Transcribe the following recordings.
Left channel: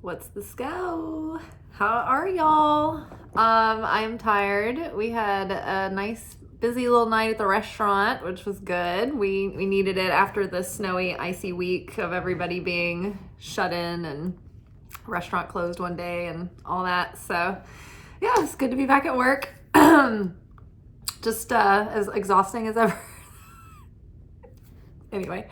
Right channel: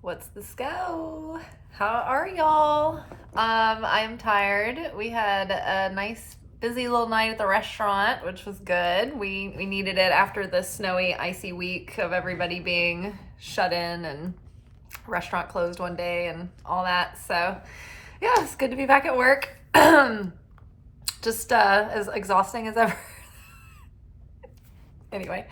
What's the scow? How are y'all? I am tired. We had a nice busy little night at the restaurant, which was good. We needed it after the snowy, icy week of everybody being shut in and restaurant closed one day and all that. So yeah, it's good to be back at work. Just as exhausting as ever. Anyway,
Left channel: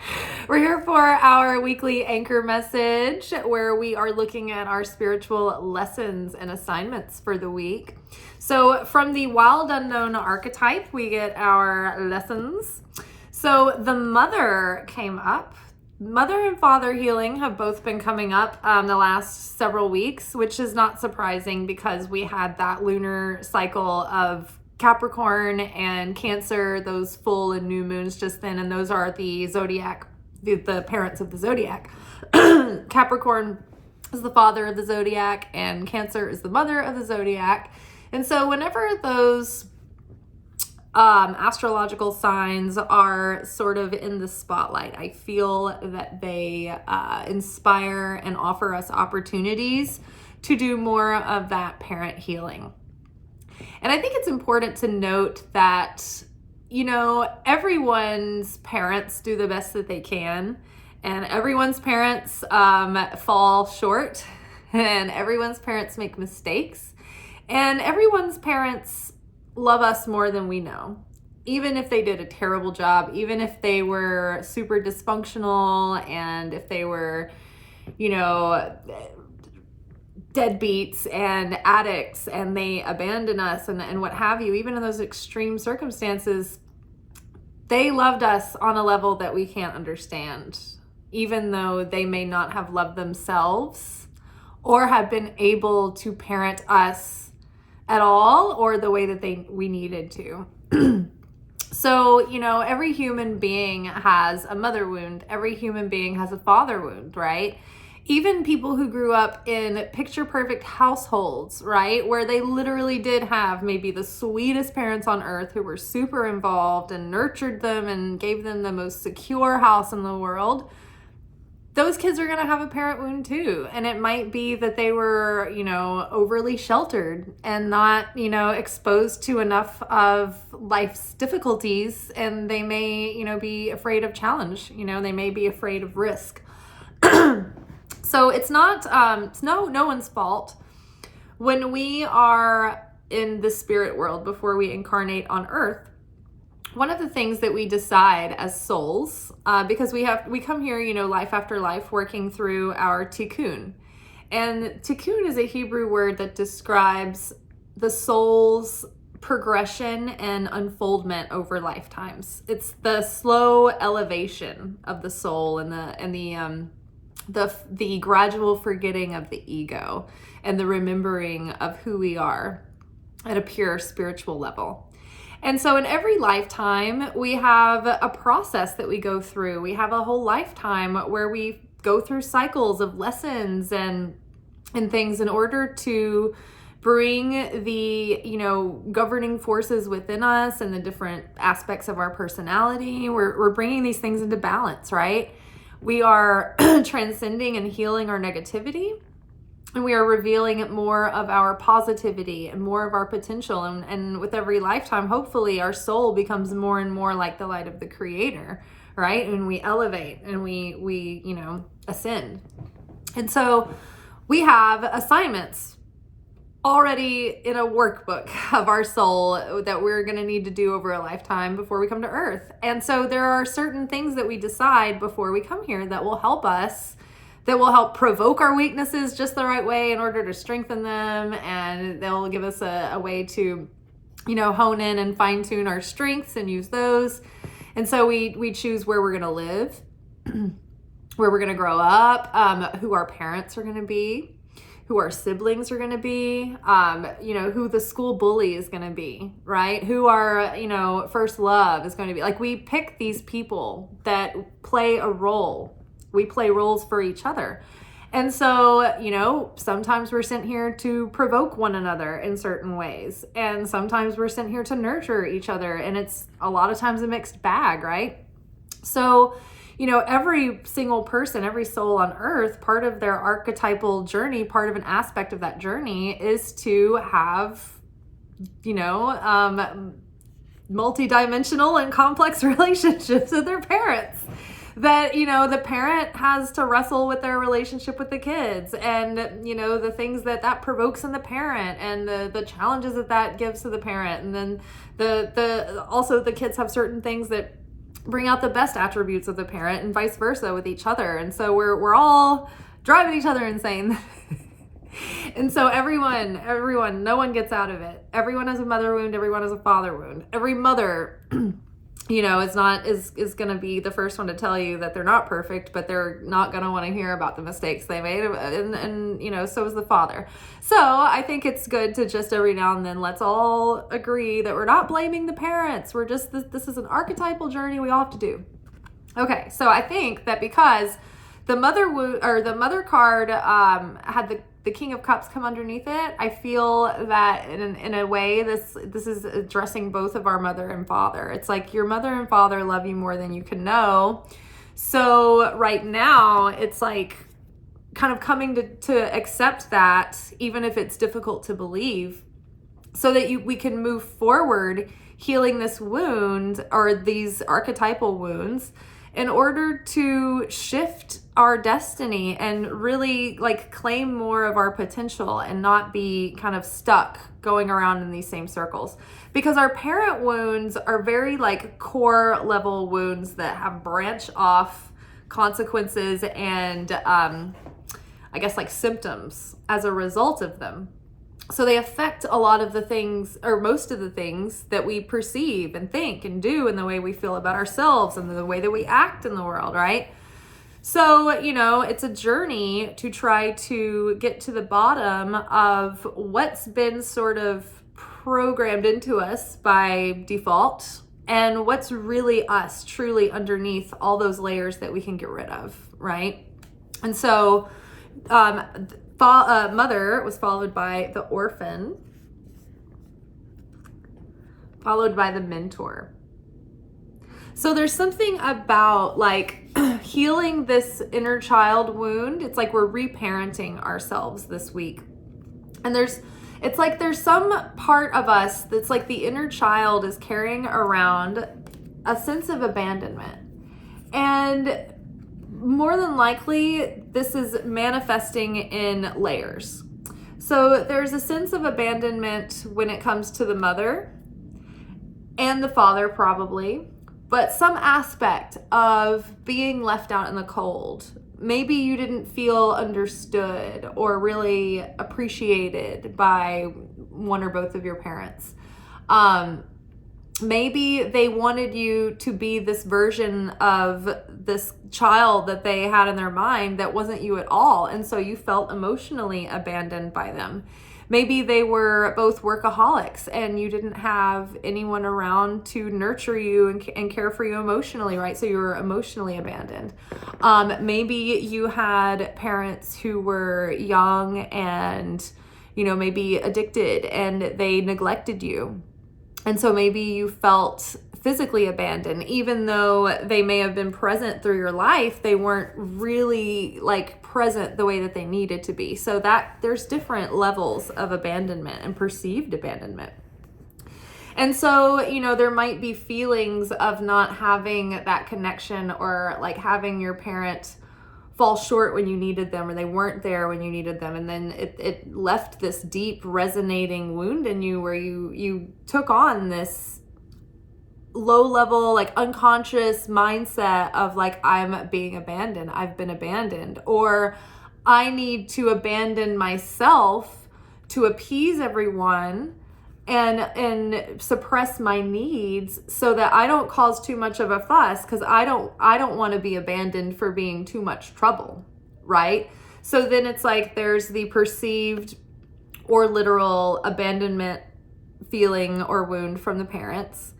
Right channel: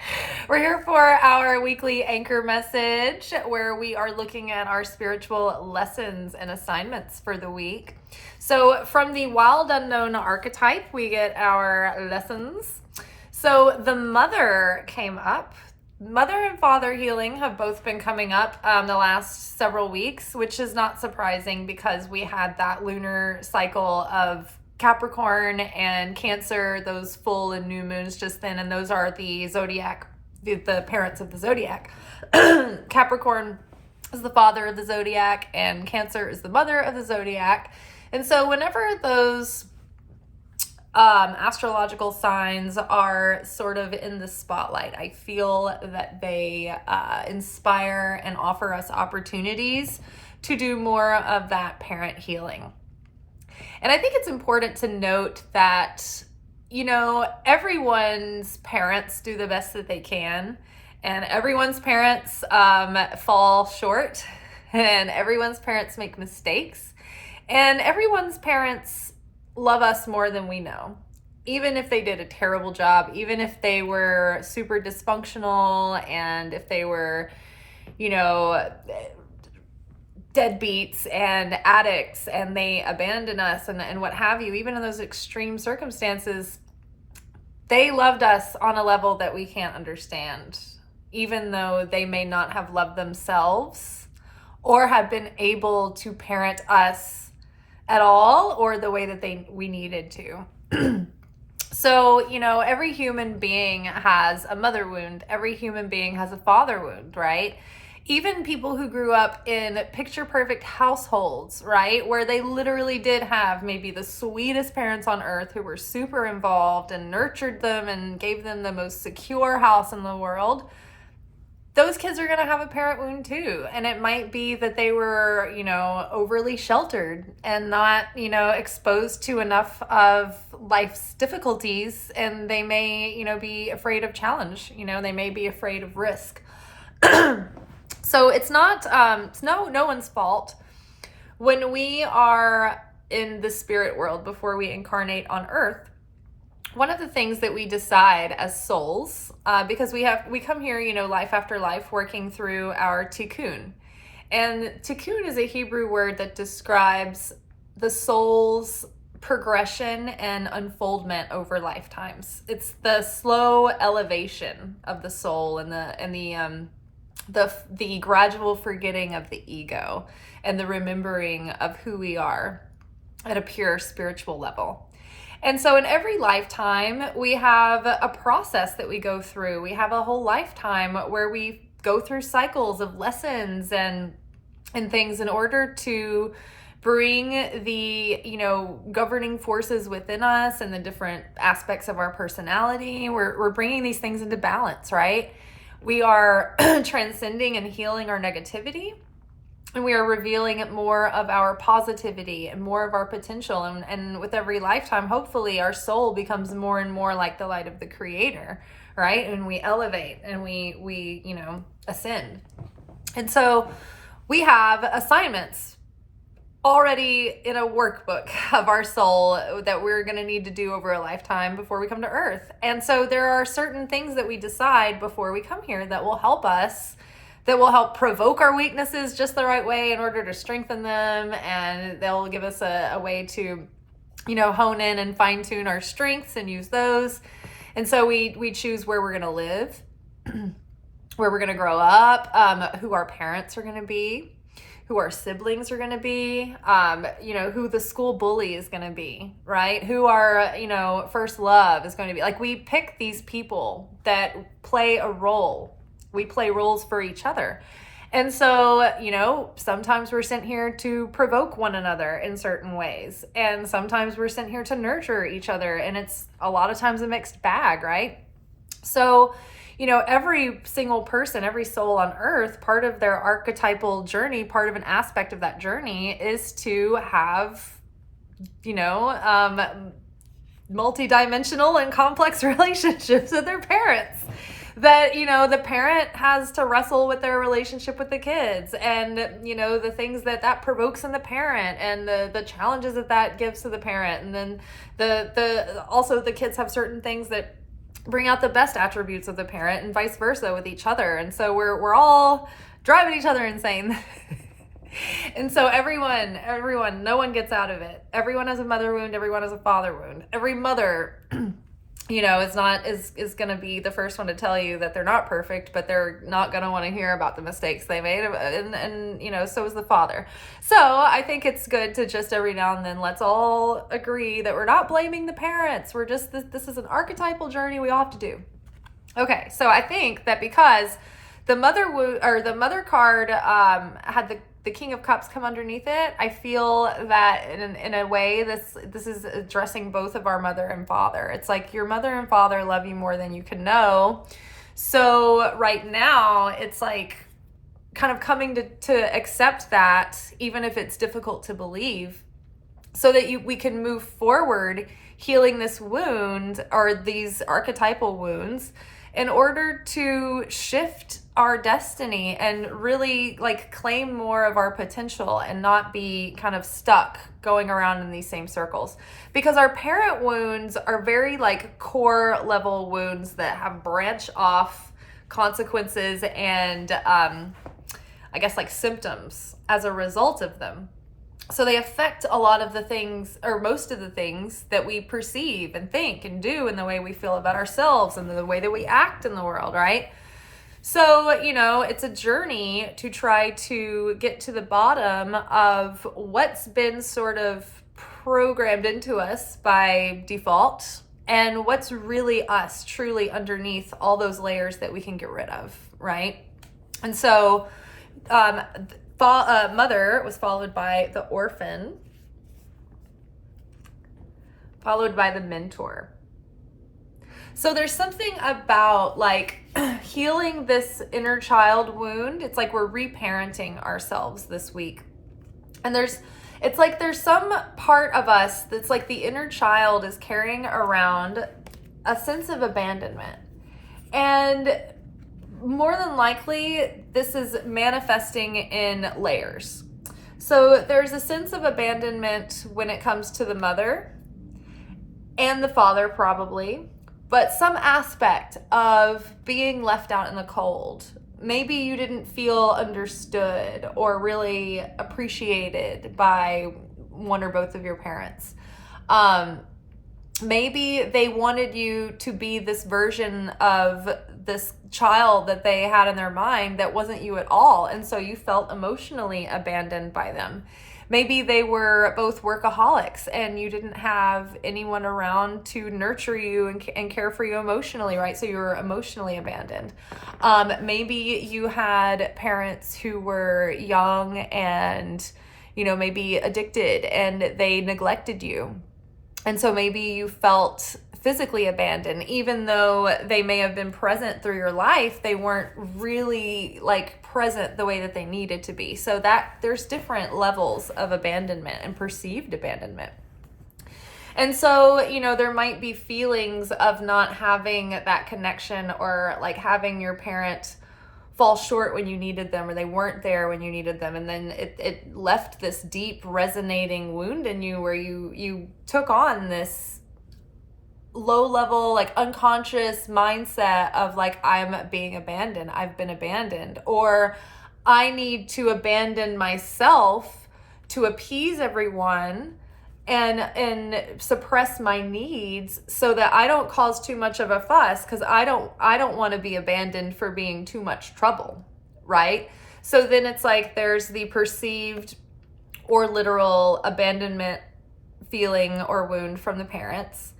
we're here for our weekly anchor message where we are looking at our spiritual lessons and assignments for the week. So from the wild unknown archetype, we get our lessons. So the mother came up. Mother and father healing have both been coming up the last several weeks, which is not surprising because we had that lunar cycle of Capricorn and Cancer, those full and new moons just then, and those are the zodiac, the parents of the zodiac. Capricorn is the father of the zodiac and Cancer is the mother of the zodiac. And so whenever those astrological signs are sort of in the spotlight, I feel that they inspire and offer us opportunities to do more of that parent healing. And I think it's important to note that, everyone's parents do the best that they can, and everyone's parents fall short, and everyone's parents make mistakes, and everyone's parents love us more than we know. Even if they did a terrible job, even if they were super dysfunctional, and if they were, deadbeats and addicts and they abandon us and what have you, even in those extreme circumstances, they loved us on a level that we can't understand, even though they may not have loved themselves or have been able to parent us at all or the way that we needed to. So, every human being has a mother wound. Every human being has a father wound, right? Even people who grew up in picture perfect households, right? Where they literally did have maybe the sweetest parents on earth who were super involved and nurtured them and gave them the most secure house in the world. Those kids are going to have a parent wound too. And it might be that they were, overly sheltered and not, exposed to enough of life's difficulties. And they may, be afraid of challenge. They may be afraid of risk. So it's not, it's no one's fault. When we are in the spirit world before we incarnate on earth, one of the things that we decide as souls, because we come here, life after life, working through our tikkun. And tikkun is a Hebrew word that describes the soul's progression and unfoldment over lifetimes. It's the slow elevation of the soul and the gradual forgetting of the ego and the remembering of who we are at a pure spiritual level. And so in every lifetime, we have a process that we go through. We have a whole lifetime where we go through cycles of lessons and things in order to bring the, governing forces within us and the different aspects of our personality. We're bringing these things into balance, right? We are transcending and healing our negativity, and we are revealing more of our positivity and more of our potential. And with every lifetime, hopefully our soul becomes more and more like the light of the Creator, right? And we elevate and we ascend. And so we have assignments already in a workbook of our soul that we're going to need to do over a lifetime before we come to earth. And so there are certain things that we decide before we come here that will help us, that will help provoke our weaknesses just the right way in order to strengthen them. And they'll give us a way to, hone in and fine tune our strengths and use those. And so we choose where we're going to live, where we're going to grow up, who our parents are going to be, who our siblings are going to be, who the school bully is going to be, right? Who our, first love is going to be. Like, we pick these people that play a role. We play roles for each other. And so, sometimes we're sent here to provoke one another in certain ways. And sometimes we're sent here to nurture each other. And it's a lot of times a mixed bag, right? So, every single person, every soul on earth, part of their archetypal journey, part of an aspect of that journey is to have, multi-dimensional and complex relationships with their parents. That, the parent has to wrestle with their relationship with the kids, and, the things that provokes in the parent, and the challenges that gives to the parent. And then also the kids have certain things that bring out the best attributes of the parent, and vice versa with each other. And so we're all driving each other insane. And so everyone, no one gets out of it. Everyone has a mother wound. Everyone has a father wound. Every mother, is going to be the first one to tell you that they're not perfect, but they're not going to want to hear about the mistakes they made. And so is the father. So I think it's good to just every now and then, let's all agree that we're not blaming the parents. We're just, this is an archetypal journey we all have to do. Okay. So I think that because the mother card had the King of Cups come underneath it, I feel that in a way this is addressing both of our mother and father. It's like your mother and father love you more than you can know. So right now it's like kind of coming to accept that, even if it's difficult to believe, so that we can move forward healing this wound, or these archetypal wounds, in order to shift our destiny and really claim more of our potential and not be kind of stuck going around in these same circles. Because our parent wounds are very core level wounds that have branch off consequences and I guess symptoms as a result of them. So they affect a lot of the things, or most of the things, that we perceive and think and do, and the way we feel about ourselves and the way that we act in the world, right? So, it's a journey to try to get to the bottom of what's been sort of programmed into us by default, and what's really us truly underneath all those layers that we can get rid of, right? And so, mother was followed by the orphan, followed by the mentor. So there's something about healing this inner child wound. It's like we're reparenting ourselves this week. And there's some part of us that's like the inner child is carrying around a sense of abandonment. And more than likely, this is manifesting in layers. So there's a sense of abandonment when it comes to the mother and the father, probably, but some aspect of being left out in the cold. Maybe you didn't feel understood or really appreciated by one or both of your parents. Maybe they wanted you to be this version of this child that they had in their mind that wasn't you at all. And so you felt emotionally abandoned by them. Maybe they were both workaholics and you didn't have anyone around to nurture you and care for you emotionally, right? So you were emotionally abandoned. Maybe you had parents who were young and, maybe addicted, and they neglected you. And so maybe you felt physically abandoned, even though they may have been present through your life, they weren't really present the way that they needed to be. So that there's different levels of abandonment and perceived abandonment. And so, there might be feelings of not having that connection, or having your parent fall short when you needed them, or they weren't there when you needed them. And then it left this deep resonating wound in you, where you took on this low level, unconscious mindset of I'm being abandoned. I've been abandoned, or I need to abandon myself to appease everyone and suppress my needs so that I don't cause too much of a fuss, because I don't want to be abandoned for being too much trouble, right? So then it's there's the perceived or literal abandonment feeling or wound from the parents.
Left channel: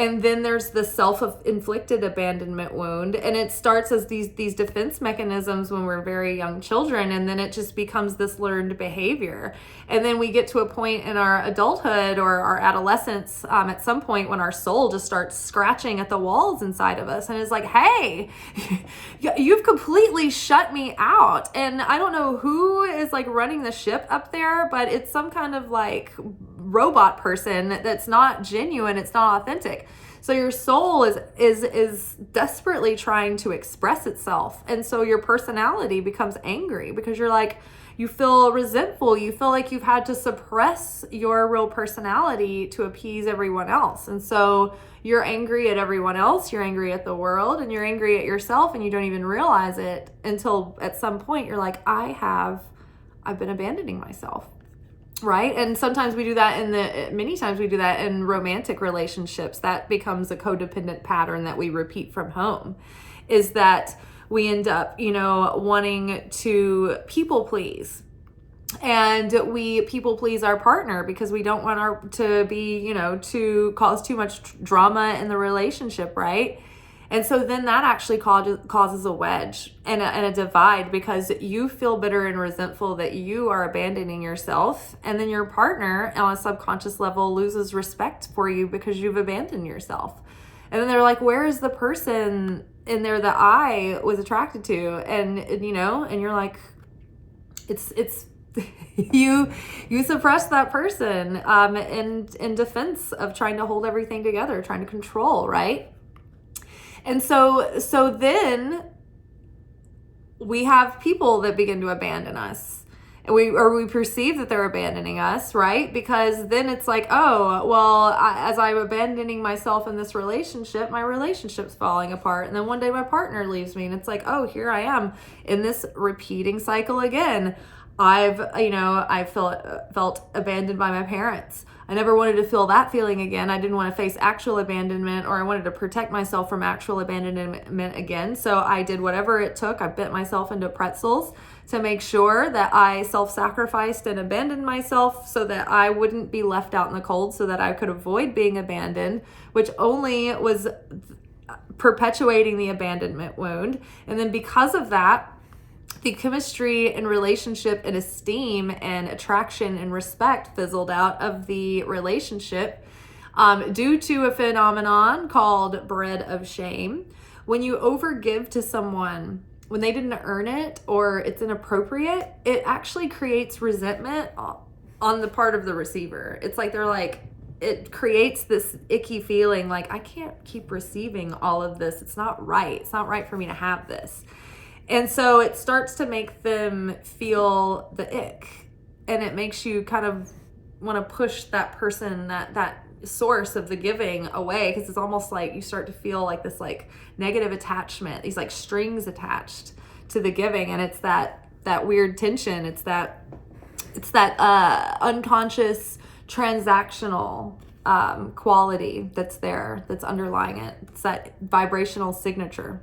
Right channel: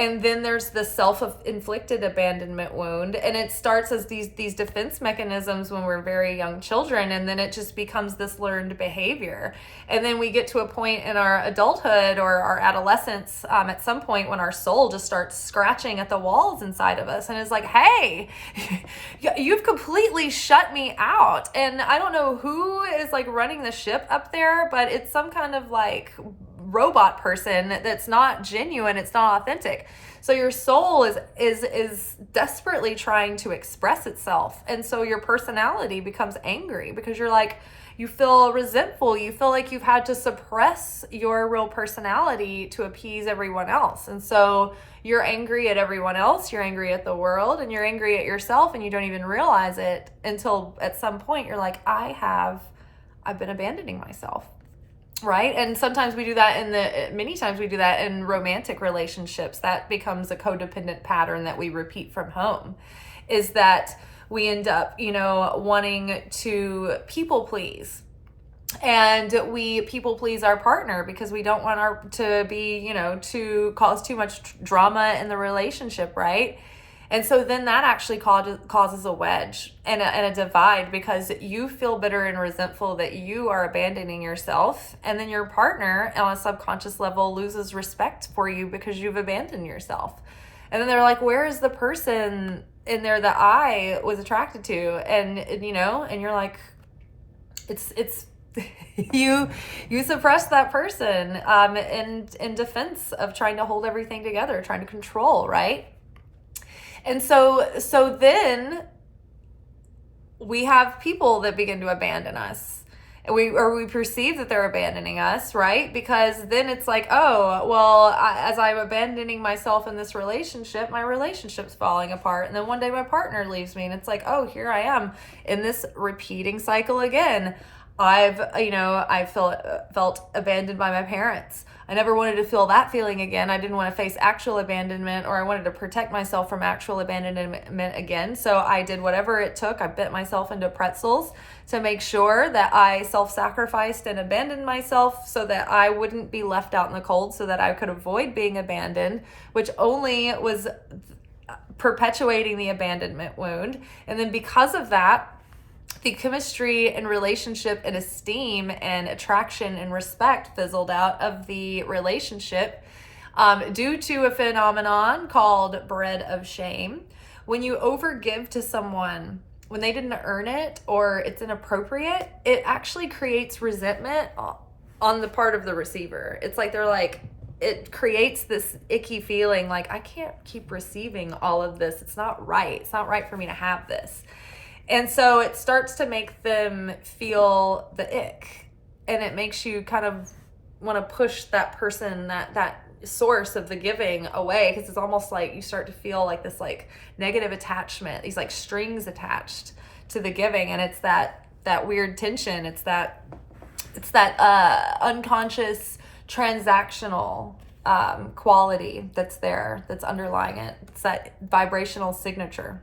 And then there's the self-inflicted abandonment wound, and it starts as these defense mechanisms when we're very young children, and then it just becomes this learned behavior. And then we get to a point in our adulthood or our adolescence, at some point when our soul just starts scratching at the walls inside of us and is like, hey, you've completely shut me out. And I don't know who is like running the ship up there, but it's some kind of like robot person that's not genuine, it's not authentic. So your soul is desperately trying to express itself, and so your personality becomes angry because you're like, you feel resentful, you feel like you've had to suppress your real personality to appease everyone else. And so you're angry at everyone else, you're angry at the world, and you're angry at yourself, and you don't even realize it until at some point you're like, I've been abandoning myself. Right? And sometimes we do that many times we do that in romantic relationships. That becomes a codependent pattern that we repeat from home, is that we end up, wanting to people please. And we people please our partner because we don't want to be, to cause too much drama in the relationship, right? And so then that actually causes a wedge and a divide, because you feel bitter and resentful that you are abandoning yourself. And then your partner on a subconscious level loses respect for you because you've abandoned yourself. And then they're like, where is the person in there that I was attracted to? And you're like, it's you suppress that person in defense of trying to hold everything together, trying to control, right? And so then we have people that begin to abandon us. We perceive that they're abandoning us, right? Because then it's like, oh, well, as I'm abandoning myself in this relationship, my relationship's falling apart. And then one day my partner leaves me, and it's like, oh, here I am in this repeating cycle again. I felt abandoned by my parents. I never wanted to feel that feeling again. I didn't want to face actual abandonment, or I wanted to protect myself from actual abandonment again. So I did whatever it took. I bit myself into pretzels to make sure that I self-sacrificed and abandoned myself so that I wouldn't be left out in the cold, so that I could avoid being abandoned, which only was perpetuating the abandonment wound. And then because of that, the chemistry and relationship and esteem and attraction and respect fizzled out of the relationship due to a phenomenon called bread of shame. When you overgive to someone when they didn't earn it or it's inappropriate, it actually creates resentment on the part of the receiver. It's like it creates this icky feeling like, I can't keep receiving all of this. It's not right. It's not right for me to have this. And so it starts to make them feel the ick, and it makes you kind of want to push that person, that source of the giving away, because it's almost like you start to feel like this like negative attachment, these like strings attached to the giving. And it's that weird tension. It's that unconscious transactional quality that's there, that's underlying it. It's that vibrational signature.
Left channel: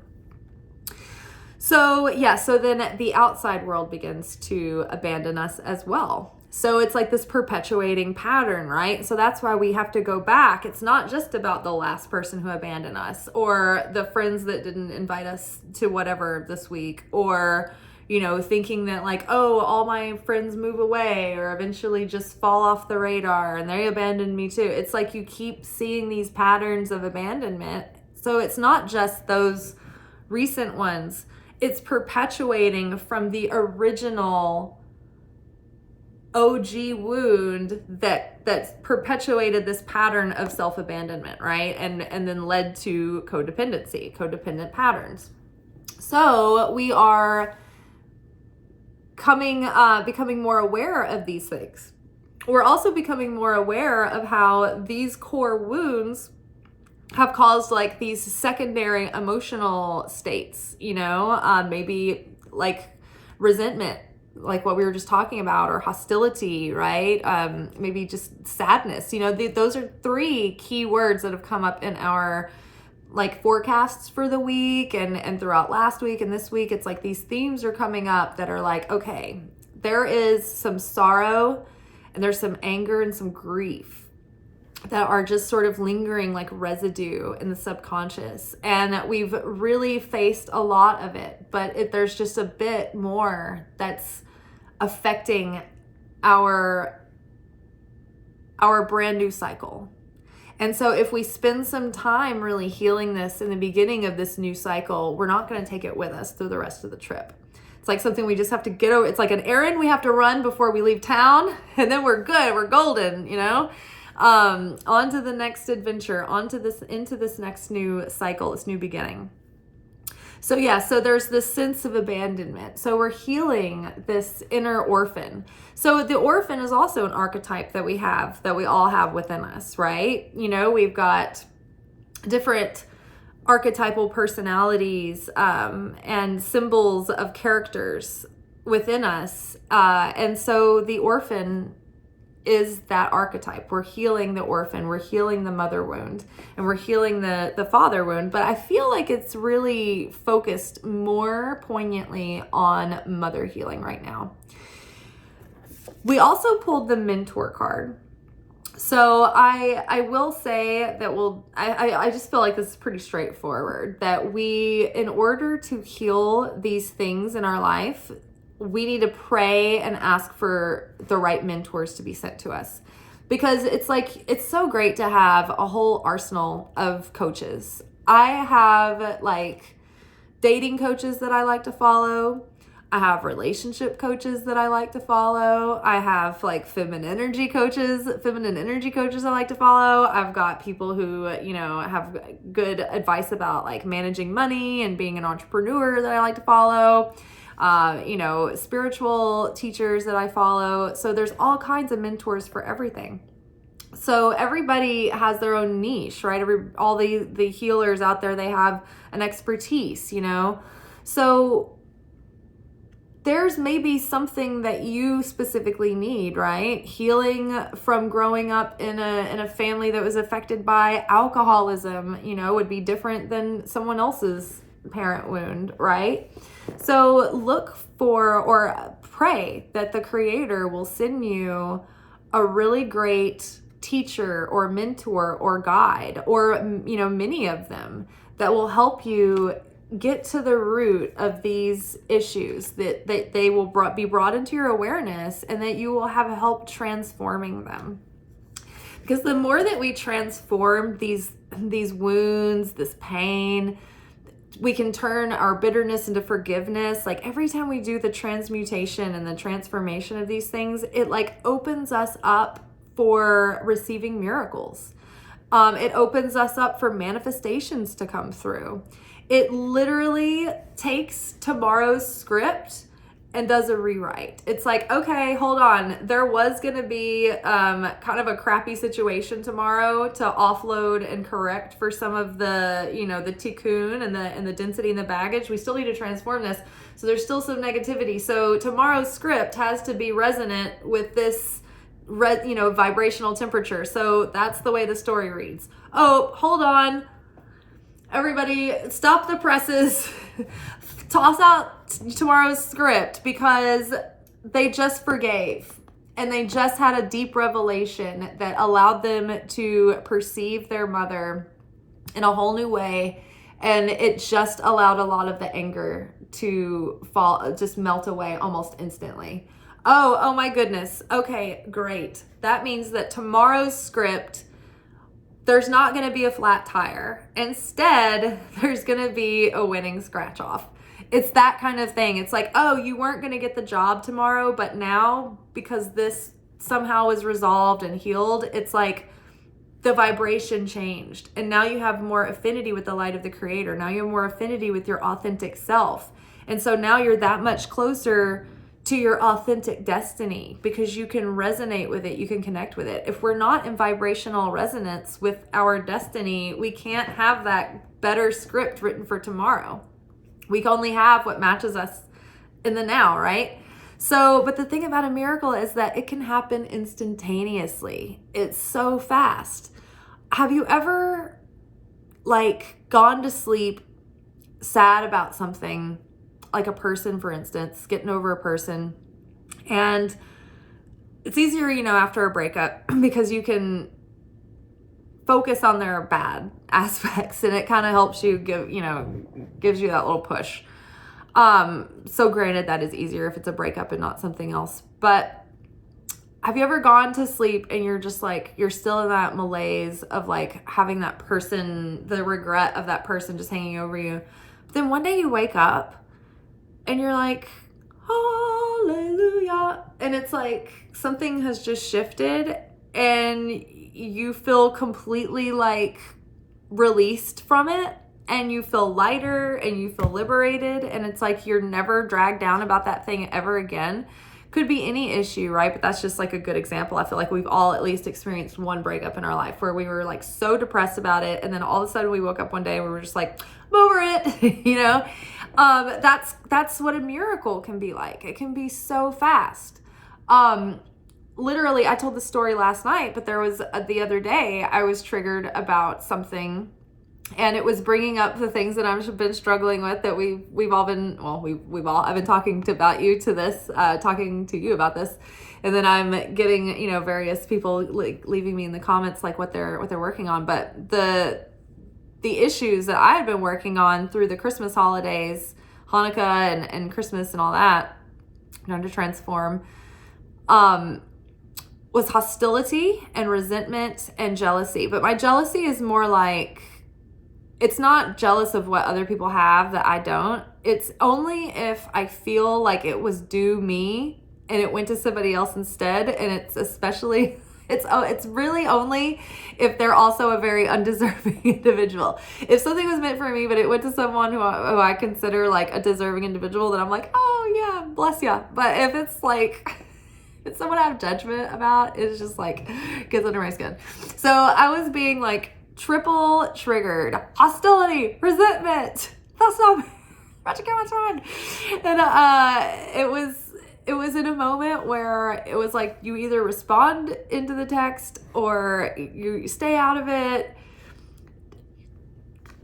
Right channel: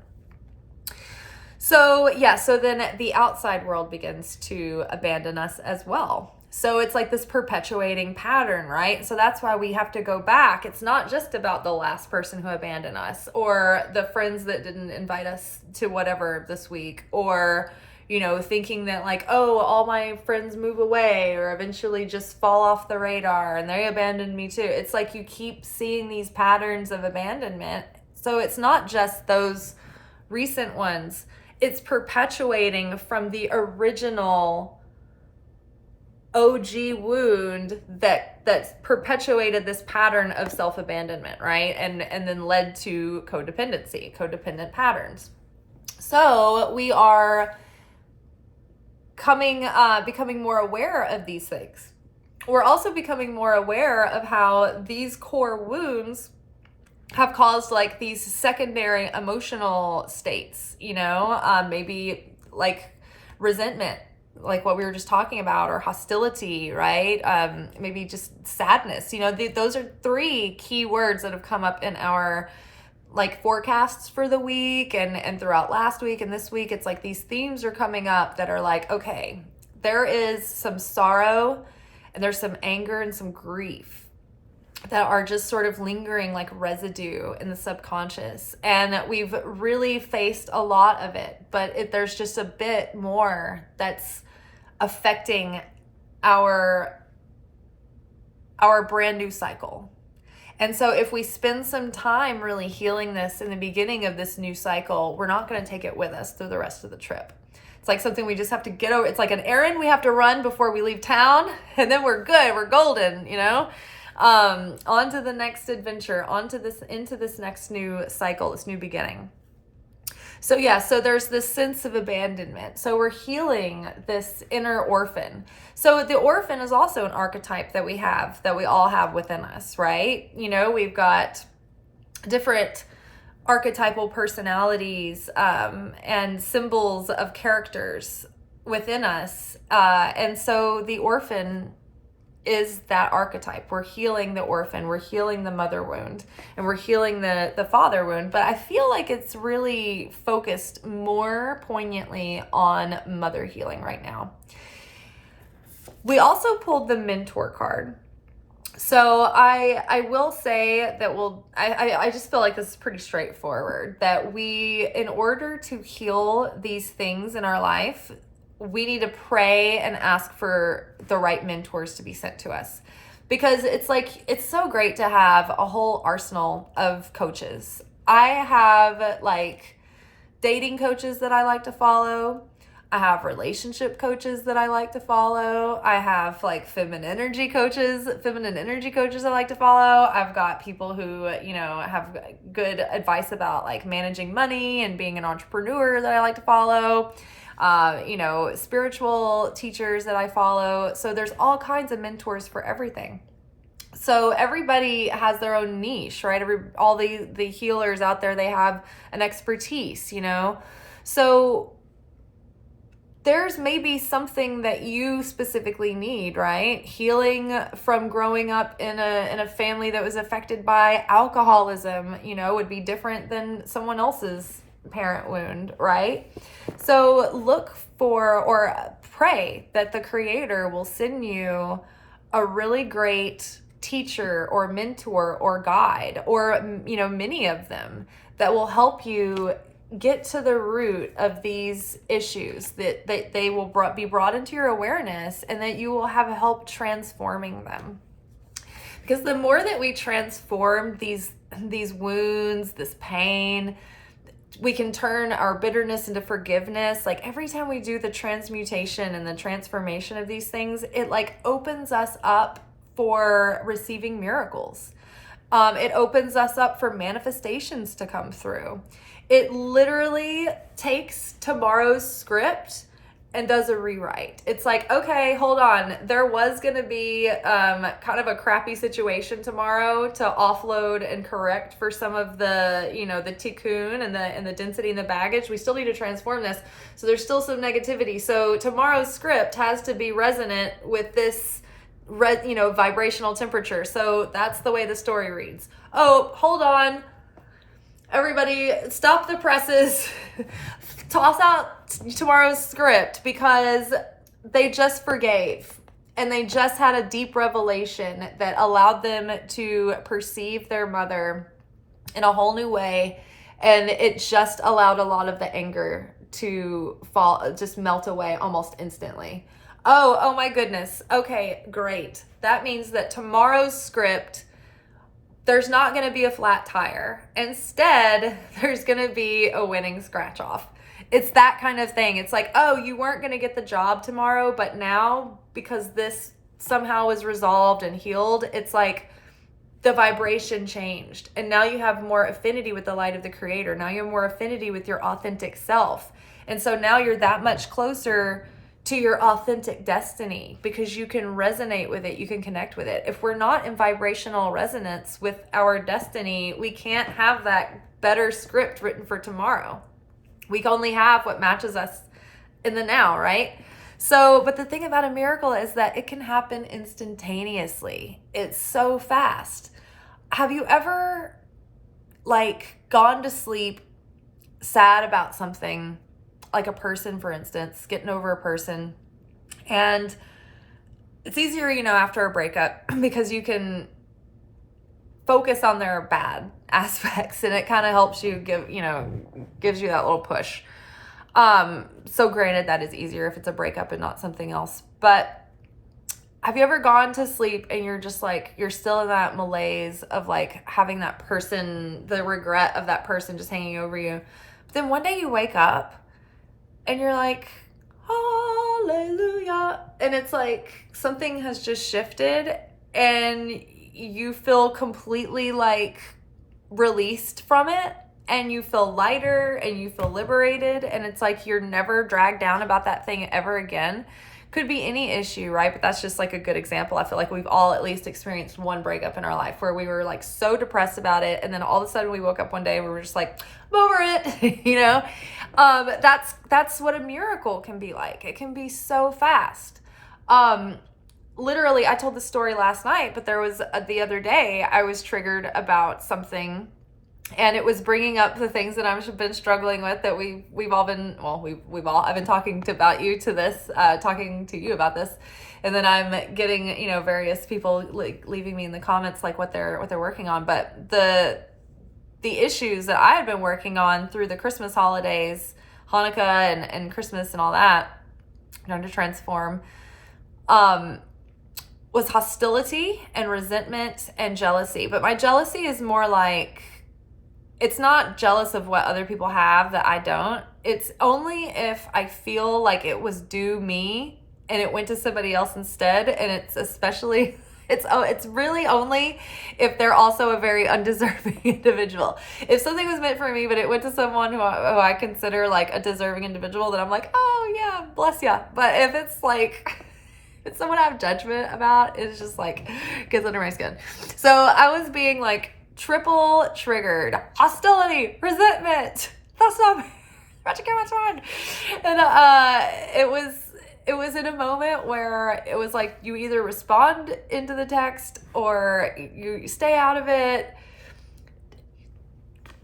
So then the outside world begins to abandon us as well. So it's like this perpetuating pattern, right? So that's why we have to go back. It's not just about the last person who abandoned us, or the friends that didn't invite us to whatever this week, or, thinking that like, oh, all my friends move away or eventually just fall off the radar and they abandoned me too. It's like you keep seeing these patterns of abandonment. So it's not just those recent ones. It's perpetuating from the original OG wound that perpetuated this pattern of self-abandonment, right? And then led to codependent patterns. So we are becoming more aware of these things. We're also becoming more aware of how these core wounds have caused like these secondary emotional states, maybe like resentment, like what we were just talking about, or hostility, right? Maybe just sadness. Those are three key words that have come up in our like forecasts for the week and throughout last week and this week. It's like these themes are coming up that are like, okay, there is some sorrow and there's some anger and some grief that are just sort of lingering like residue in the subconscious. And we've really faced a lot of it, but there's just a bit more that's affecting our brand new cycle. And so if we spend some time really healing this in the beginning of this new cycle, we're not going to take it with us through the rest of the trip. It's like something we just have to get over. It's like an errand we have to run before we leave town, and then we're good. We're golden, you know? On to the next adventure, into this next new cycle, this new beginning. So yeah, so there's this sense of abandonment. So we're healing this inner orphan. So the orphan is also an archetype that we all have within us, right? You know, we've got different archetypal personalities and symbols of characters within us. And so the orphan is that archetype. We're healing the orphan, we're healing the mother wound, and we're healing the father wound. But I feel like it's really focused more poignantly on mother healing right now. We also pulled the mentor card. So I will say that I just feel like this is pretty straightforward, that we, in order to heal these things in our life, we need to pray and ask for the right mentors to be sent to us. Because it's so great to have a whole arsenal of coaches. I have like dating coaches that I like to follow. I have relationship coaches that I like to follow. I have like feminine energy coaches I like to follow. I've got people who, you know, have good advice about like managing money and being an entrepreneur that I like to follow. You know, spiritual teachers that I follow. So there's all kinds of mentors for everything. So everybody has their own niche, right? All the healers out there, they have an expertise, you know? So there's maybe something that you specifically need, right? Healing from growing up in a family that was affected by alcoholism, you know, would be different than someone else's parent wound, right? So look for or pray that the Creator will send you a really great teacher or mentor or guide, or, you know, many of them that will help you get to the root of these issues, that they will be brought into your awareness, and that you will have help transforming them. Because the more that we transform these wounds, this pain, we can turn our bitterness into forgiveness. Like every time we do the transmutation and the transformation of these things, it like opens us up for receiving miracles. It opens us up for manifestations to come through. It literally takes tomorrow's script and does a rewrite. It's like, okay, hold on. There was going to be kind of a crappy situation tomorrow to offload and correct for some of the, you know, the tikkun and the density and the baggage. We still need to transform this. So there's still some negativity. So tomorrow's script has to be resonant with this, you know, vibrational temperature. So that's the way the story reads. Oh, hold on. Everybody, stop the presses. Toss out tomorrow's script, because they just forgave and they just had a deep revelation that allowed them to perceive their mother in a whole new way. And it just allowed a lot of the anger to just melt away almost instantly. Oh my goodness. Okay, great. That means that tomorrow's script, there's not going to be a flat tire. Instead, there's going to be a winning scratch off. It's that kind of thing. It's like, oh, you weren't going to get the job tomorrow, but now because this somehow was resolved and healed, it's like the vibration changed. And now you have more affinity with the light of the Creator. Now you have more affinity with your authentic self. And so now you're that much closer to your authentic destiny, because you can resonate with it, you can connect with it. If we're not in vibrational resonance with our destiny, we can't have that better script written for tomorrow. We can only have what matches us in the now, right? So, but the thing about a miracle is that it can happen instantaneously. It's so fast. Have you ever like gone to sleep sad about something, like a person, for instance, getting over a person, and it's easier, you know, after a breakup, because you can focus on their bad aspects, and it kind of helps you gives you that little push. So granted, that is easier if it's a breakup and not something else. But have you ever gone to sleep and you're just like, you're still in that malaise of like having that person, the regret of that person just hanging over you. But then one day you wake up and you're like, hallelujah. And it's like something has just shifted and you feel completely like released from it, and you feel lighter and you feel liberated. And it's like you're never dragged down about that thing ever again. Could be any issue, right? But that's just like a good example. I feel like we've all at least experienced one breakup in our life where we were like so depressed about it, and then all of a sudden we woke up one day and we were just like, I'm over it. That's what a miracle can be like. It can be so fast. Literally, I told the story last night, but there was the other day I was triggered about something, and it was bringing up the things that I've been struggling with, that we've all been, I've been talking to you about this. And then I'm getting, various people leaving me in the comments, like what they're working on. But the issues that I had been working on through the Christmas holidays, Hanukkah and Christmas and all that, trying to transform, was hostility and resentment and jealousy. But my jealousy is more like, it's not jealous of what other people have that I don't. It's only if I feel like it was due me and it went to somebody else instead. And it's really only if they're also a very undeserving individual. If something was meant for me, but it went to someone who I consider like a deserving individual, then I'm like, oh yeah, bless ya. But if it's like, it's someone I have judgment about, it's just like, gets under my skin. So I was being like, triple triggered, hostility, resentment. That's not Magick, what's on. And it was in a moment where it was like you either respond into the text or you stay out of it.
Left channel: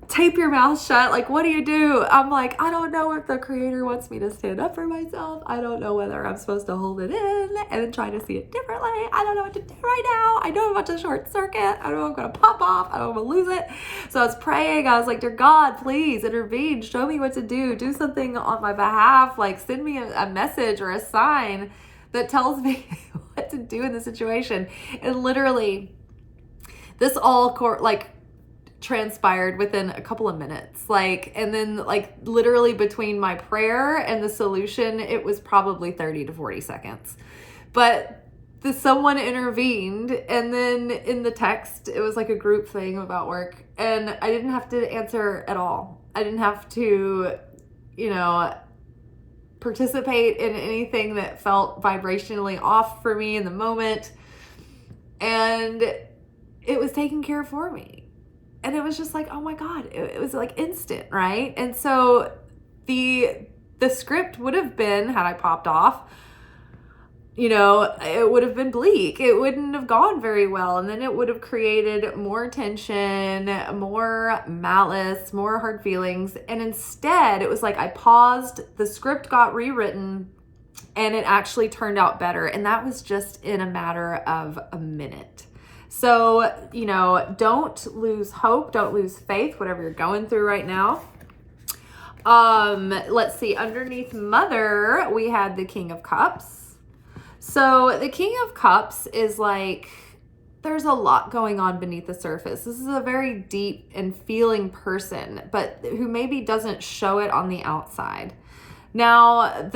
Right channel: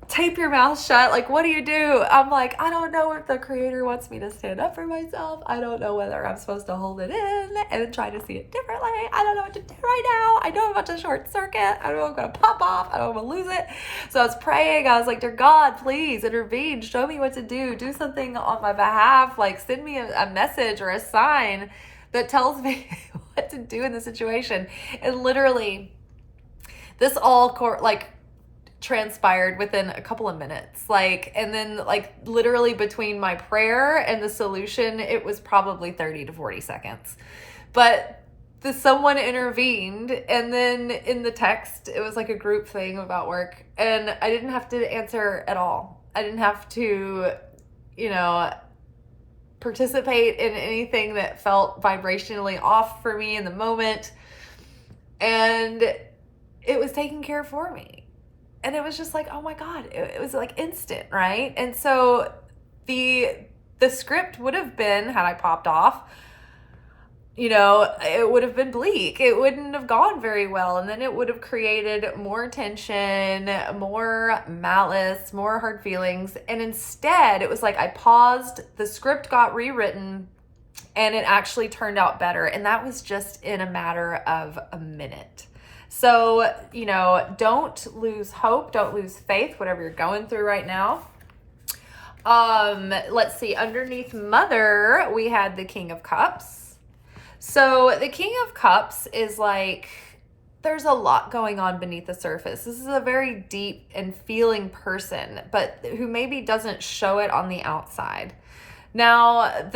Tape your mouth shut. Like, what do you do? I'm like, I don't know if the creator wants me to stand up for myself. I don't know whether I'm supposed to hold it in and then try to see it differently. I don't know what to do right now. I know I'm about to short circuit. I don't know if I'm going to pop off. I don't know if I'm going to lose it. So I was praying. I was like, dear God, please intervene. Show me what to do. Do something on my behalf. Like, send me a message or a sign that tells me what to do in the situation. And literally, this all transpired within a couple of minutes, and then literally between my prayer and the solution, it was probably 30 to 40 seconds, but someone intervened. And then in the text, it was like a group thing about work, and I didn't have to answer at all. I didn't have to, participate in anything that felt vibrationally off for me in the moment, and it was taken care of for me. And it was just like, oh my God, it was like instant, right? And so the script would have been, had I popped off, it would have been bleak. It wouldn't have gone very well. And then it would have created more tension, more malice, more hard feelings. And instead, it was like I paused, the script got rewritten, and it actually turned out better. And that was just in a matter of a minute. So, don't lose hope, don't lose faith, whatever you're going through right now. Let's see, underneath Mother, we had the King of Cups. So the King of Cups is like, there's a lot going on beneath the surface. This is a very deep and feeling person, but who maybe doesn't show it on the outside. Now,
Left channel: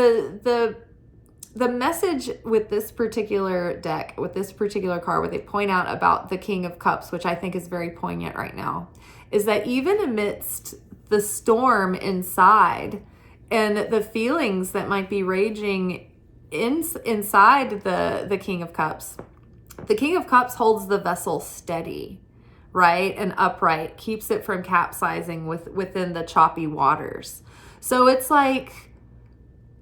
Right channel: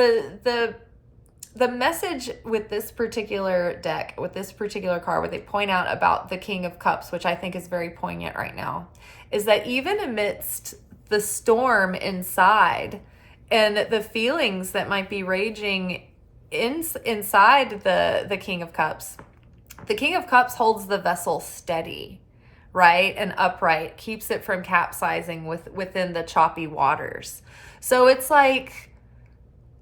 the message with this particular deck, with this particular card, what they point out about the King of Cups, which I think is very poignant right now, is that even amidst the storm inside and the feelings that might be raging inside the King of Cups, the King of Cups holds the vessel steady, right, and upright, keeps it from capsizing within the choppy waters. So it's like,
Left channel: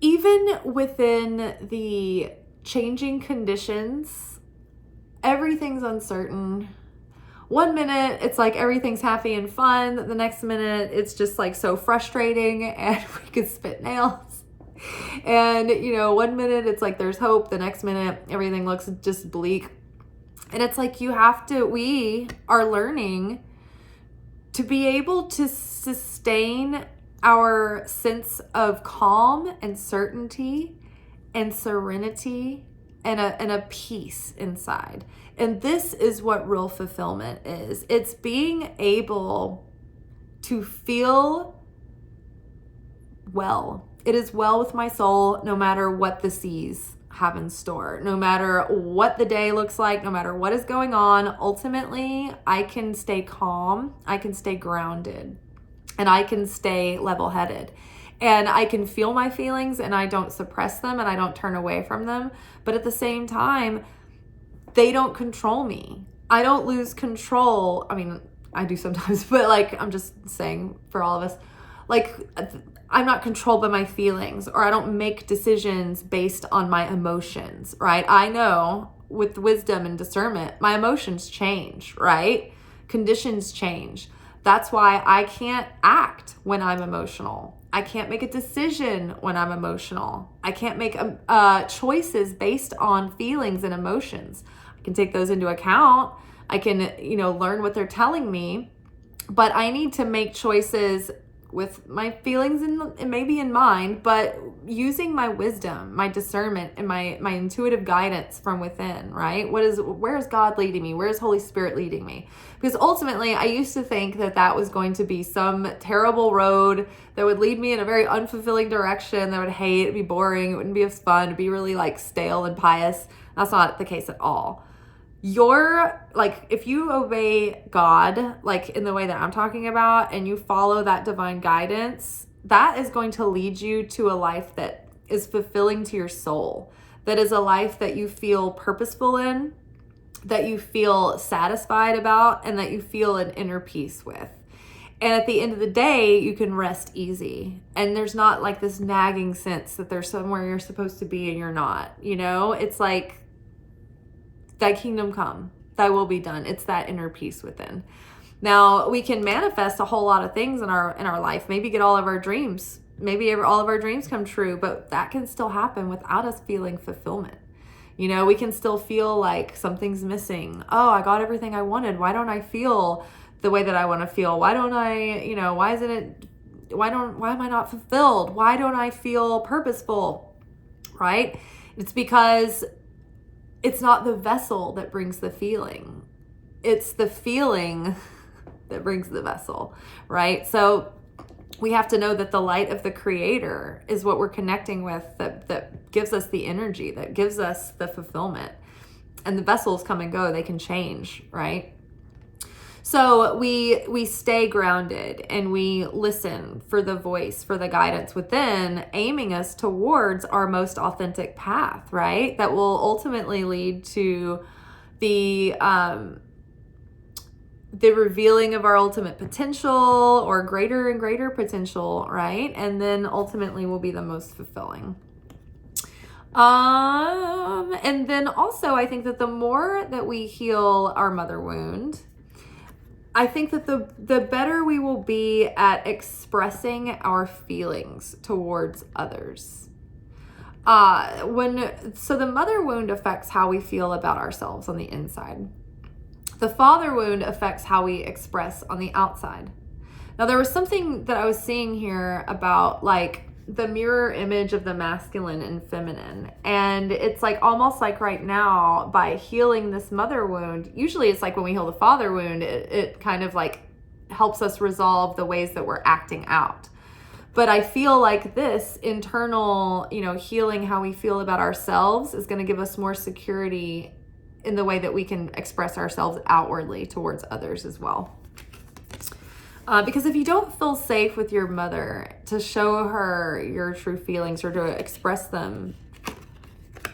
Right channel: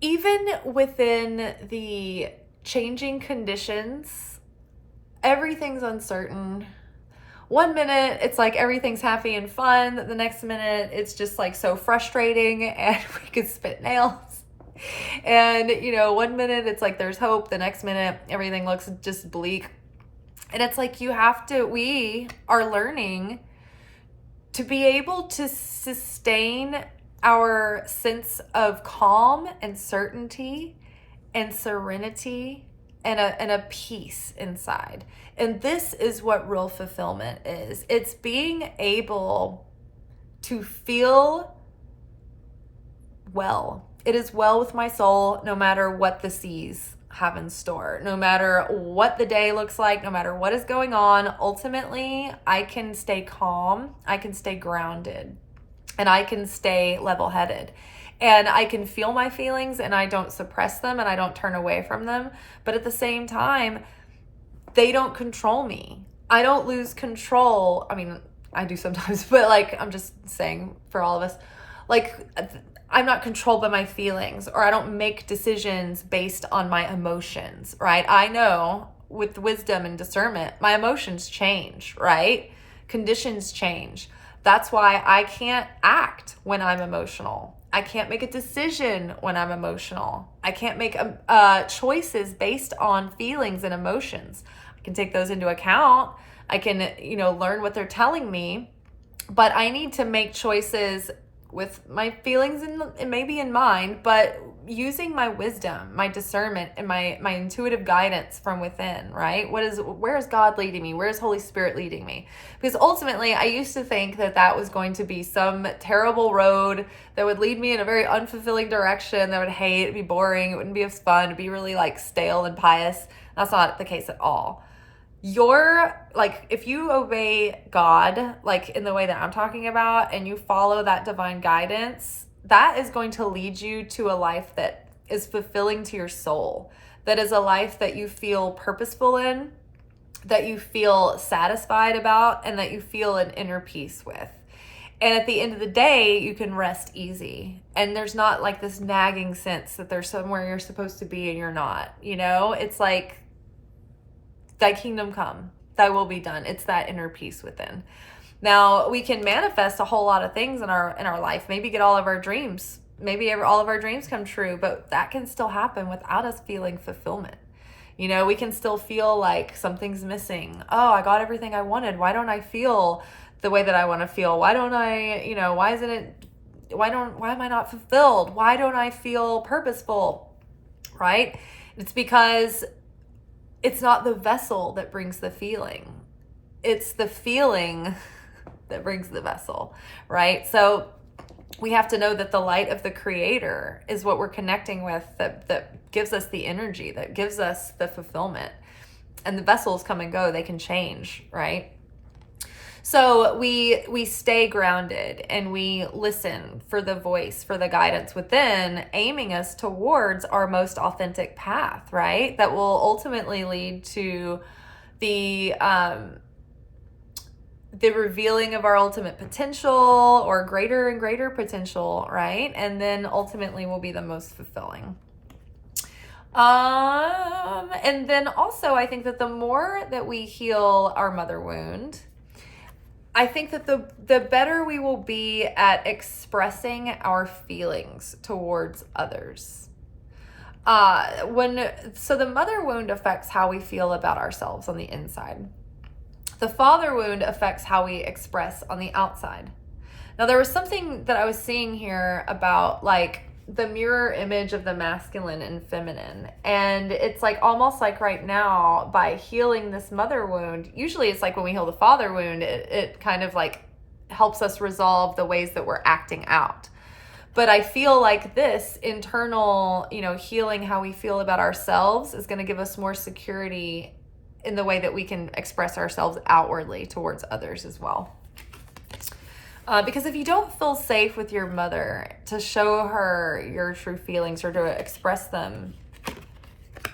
even within the changing conditions, everything's uncertain. One minute, it's like everything's happy and fun. The next minute, it's just like so frustrating and we could spit nails. And, one minute, it's like there's hope. The next minute, everything looks just bleak. And it's like we are learning to be able to sustain our sense of calm and certainty and serenity and a peace inside. And this is what real fulfillment is. It's being able to feel well. It is well with my soul, no matter what the seas have in store, no matter what the day looks like, no matter what is going on. Ultimately, I can stay calm, I can stay grounded, and I can stay level-headed. And I can feel my feelings, and I don't suppress them, and I don't turn away from them. But at the same time, they don't control me. I don't lose control. I mean, I do sometimes, but like, I'm just saying for all of us, like, I'm not controlled by my feelings, or I don't make decisions based on my emotions, right? I know with wisdom and discernment, my emotions change, right? Conditions change. That's why I can't act when I'm emotional. I can't make a decision when I'm emotional. I can't make choices based on feelings and emotions. I can take those into account. I can, learn what they're telling me, but I need to make choices with my feelings and maybe in mind, but using my wisdom, my discernment, and my intuitive guidance from within, right? Where is God leading me? Where is Holy Spirit leading me? Because ultimately, I used to think that was going to be some terrible road that would lead me in a very unfulfilling direction that I would hate, it'd be boring, it wouldn't be as fun, it'd be really like stale and pious. That's not the case at all. If you obey God, like in the way that I'm talking about, and you follow that divine guidance, that is going to lead you to a life that is fulfilling to your soul. That is a life that you feel purposeful in, that you feel satisfied about, and that you feel an inner peace with. And at the end of the day, you can rest easy. And there's not like this nagging sense that there's somewhere you're supposed to be and you're not, It's like, thy kingdom come, thy will be done. It's that inner peace within. Now, we can manifest a whole lot of things in our life, maybe get all of our dreams, all of our dreams come true, but that can still happen without us feeling fulfillment. We can still feel like something's missing. Oh, I got everything I wanted. Why don't I feel the way that I want to feel? Why don't I, why am I not fulfilled? Why don't I feel purposeful? Right? It's because it's not the vessel that brings the feeling. It's the feeling that brings the vessel, right? So we have to know that the light of the Creator is what we're connecting with, that gives us the energy, that gives us the fulfillment. And the vessels come and go, they can change, right? So we stay grounded and we listen for the voice, for the guidance within, aiming us towards our most authentic path, right? That will ultimately lead to the revealing of our ultimate potential, or greater and greater potential, right? And then ultimately will be the most fulfilling. And then also, I think that the more that we heal our mother wound, I think that the better we will be at expressing our feelings towards others. So the mother wound affects how we feel about ourselves on the inside. The father wound affects how we express on the outside. Now, there was something that I was seeing here about like the mirror image of the masculine and feminine. And it's like almost like right now, by healing this mother wound, usually it's like when we heal the father wound, it kind of like helps us resolve the ways that we're acting out. But I feel like this internal, healing how we feel about ourselves is going to give us more security in the way that we can express ourselves outwardly towards others as well. Because if you don't feel safe with your mother to show her your true feelings or to express them,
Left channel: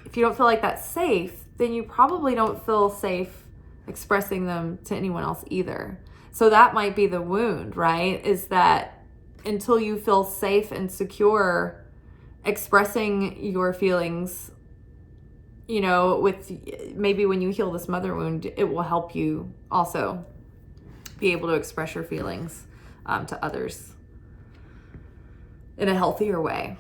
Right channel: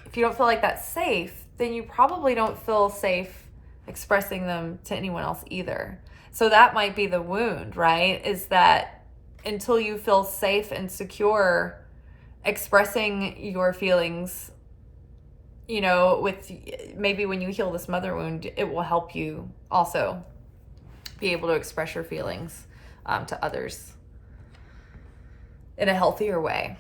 if you don't feel like that's safe, then you probably don't feel safe expressing them to anyone else either. So that might be the wound, right? Is that until you feel safe and secure expressing your feelings, with maybe when you heal this mother wound, it will help you also be able to express your feelings to others in a healthier way.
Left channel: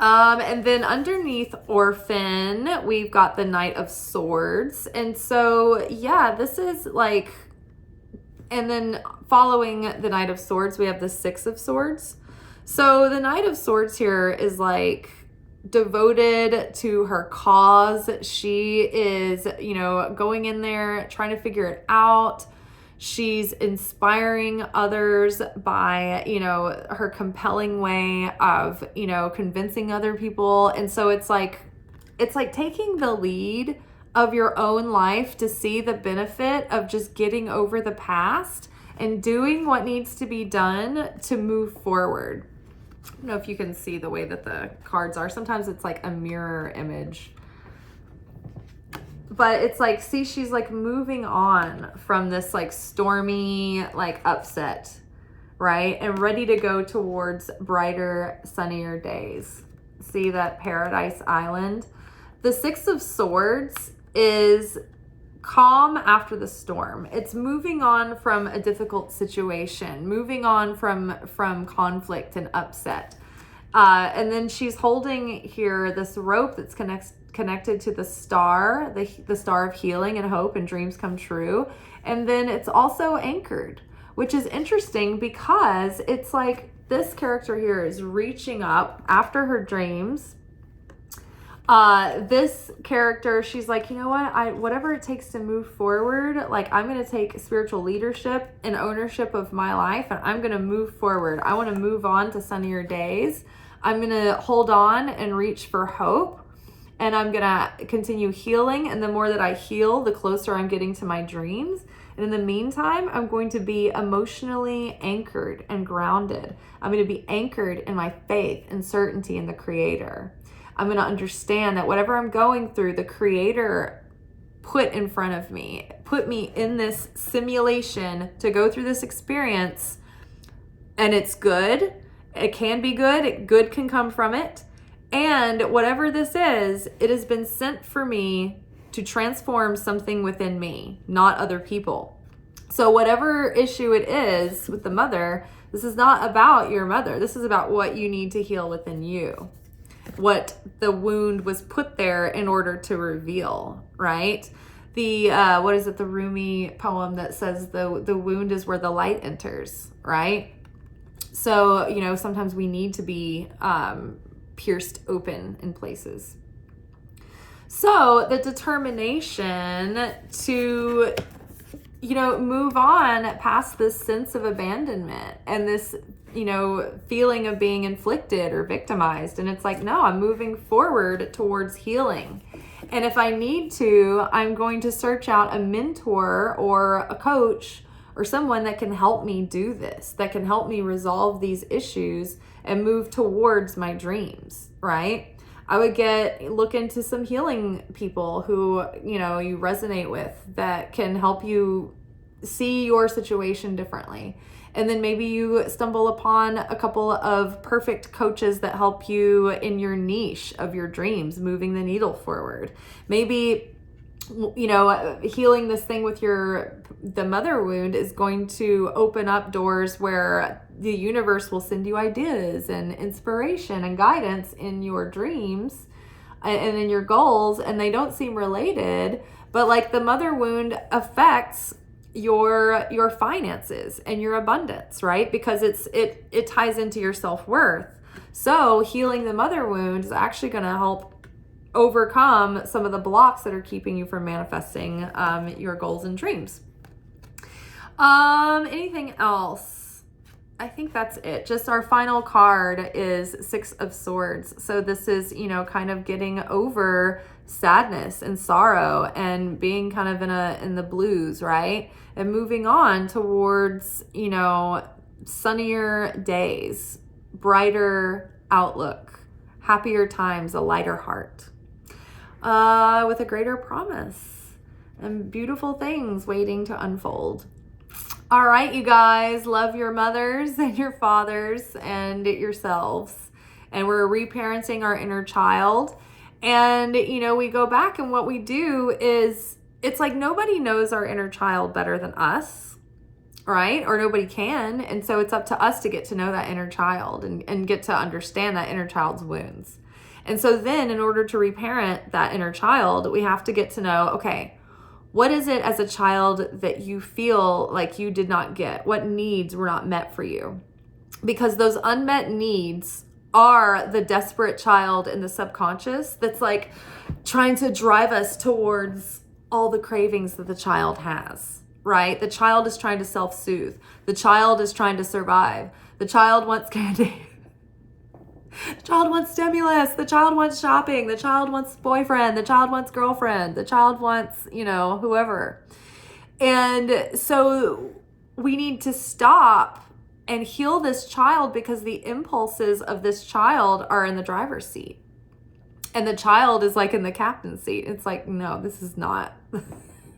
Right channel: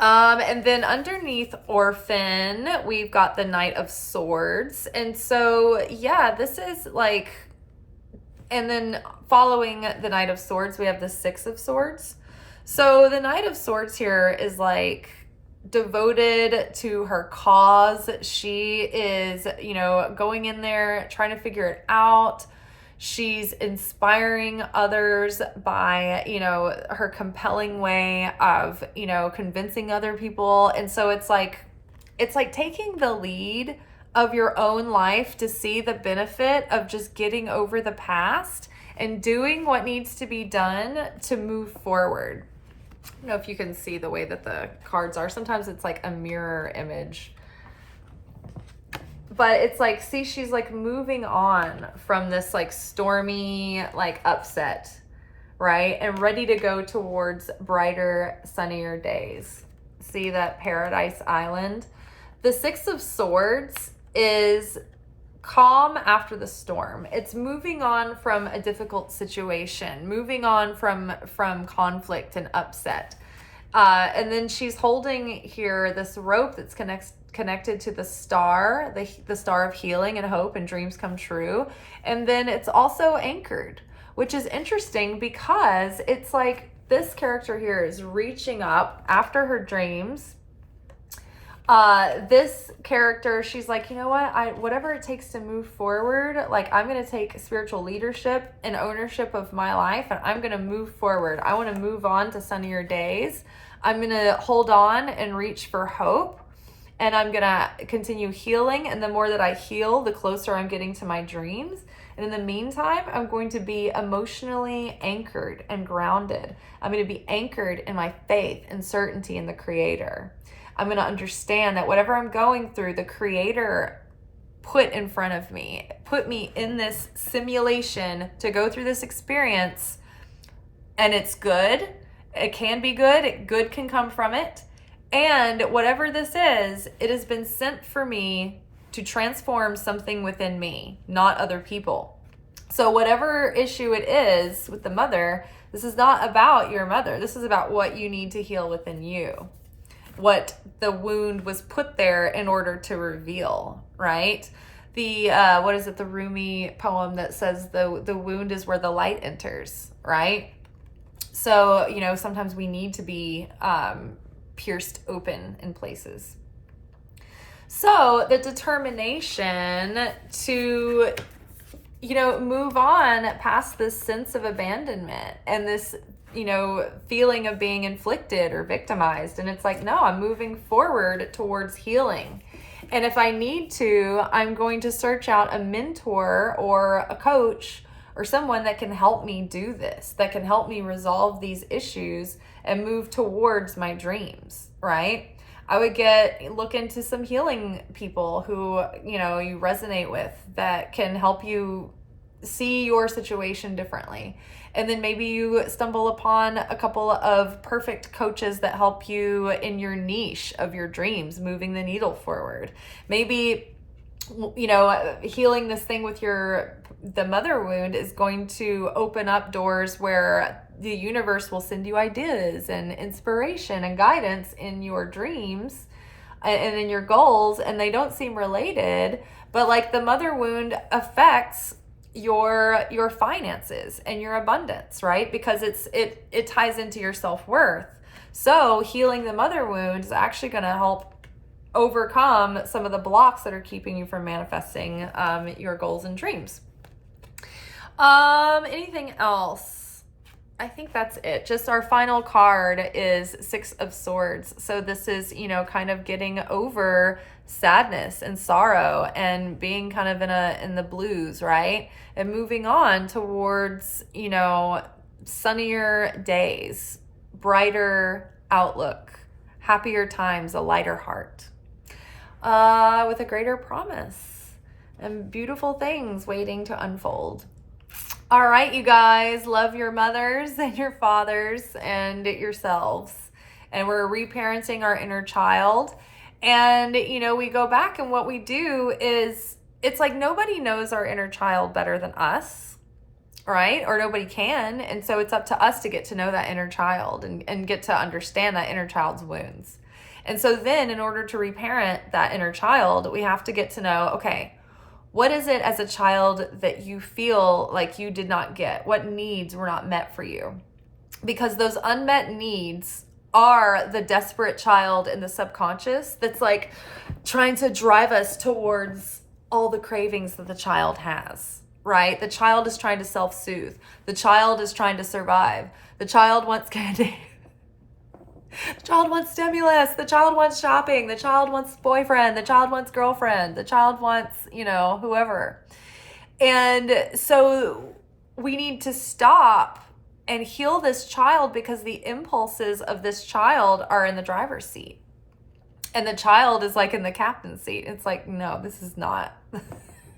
And then underneath Orphan, we've got the Knight of Swords. And so, yeah, this is like, and then following the Knight of Swords, we have the Six of Swords. So the Knight of Swords here is like devoted to her cause. She is, going in there, trying to figure it out. She's inspiring others by, her compelling way of, convincing other people. And so it's like taking the lead of your own life to see the benefit of just getting over the past and doing what needs to be done to move forward. I don't know if you can see the way that the cards are. Sometimes it's like a mirror image. But it's like, see, she's like moving on from this like stormy, like upset, right? And ready to go towards brighter, sunnier days. See that Paradise Island? The Six of Swords is calm after the storm. It's moving on from a difficult situation, moving on from conflict and upset. And then she's holding here this rope that's connected to the star, the star of healing and hope and dreams come true. And then it's also anchored, which is interesting because it's like this character here is reaching up after her dreams. This character, she's like, you know what, whatever it takes to move forward, like I'm going to take spiritual leadership and ownership of my life, and I'm going to move forward. I want to move on to sunnier days. I'm going to hold on and reach for hope, and I'm going to continue healing. And the more that I heal, the closer I'm getting to my dreams. And in the meantime, I'm going to be emotionally anchored and grounded. I'm going to be anchored in my faith and certainty in the Creator. I'm going to understand that whatever I'm going through, the Creator put in front of me, put me in this simulation to go through this experience, and it's good. It can be good. Good can come from it. And whatever this is, it has been sent for me to transform something within me, not other people. So whatever issue it is with the mother, this is not about your mother. This is about what you need to heal within you. What the wound was put there in order to reveal, right? The what is it, the Rumi poem that says the wound is where the light enters, right? So, sometimes we need to be pierced open in places. So the determination to, move on past this sense of abandonment and this, feeling of being inflicted or victimized. And it's like, no, I'm moving forward towards healing. And if I need to, I'm going to search out a mentor or a coach or someone that can help me do this, that can help me resolve these issues and move towards my dreams, right? I would look into some healing people who, you resonate with, that can help you see your situation differently. And then maybe you stumble upon a couple of perfect coaches that help you in your niche of your dreams, moving the needle forward. Maybe, healing this thing with the mother wound is going to open up doors where the universe will send you ideas and inspiration and guidance in your dreams and in your goals, and they don't seem related, but like the mother wound affects your finances and your abundance, right? Because it ties into your self-worth. So healing the mother wound is actually going to help overcome some of the blocks that are keeping you from manifesting your goals and dreams. Anything else? I think that's it. Just our final card is Six of Swords. So this is, kind of getting over sadness and sorrow and being kind of in the blues, right? And moving on towards, sunnier days, brighter outlook, happier times, a lighter heart, with a greater promise and beautiful things waiting to unfold. All right, you guys, love your mothers and your fathers and yourselves. And we're reparenting our inner child. And, we go back, and what we do is, it's like nobody knows our inner child better than us, right? Or nobody can. And so it's up to us to get to know that inner child and get to understand that inner child's wounds. And so then in order to reparent that inner child, we have to get to know, okay, what is it as a child that you feel like you did not get? What needs were not met for you? Because those unmet needs are the desperate child in the subconscious that's like trying to drive us towards all the cravings that the child has, right? The child is trying to self-soothe. The child is trying to survive. The child wants candy. The child wants stimulus. The child wants shopping. The child wants boyfriend. The child wants girlfriend. The child wants, whoever. And so we need to stop and heal this child because the impulses of this child are in the driver's seat. And the child is like in the captain's seat. It's like, no, this is not,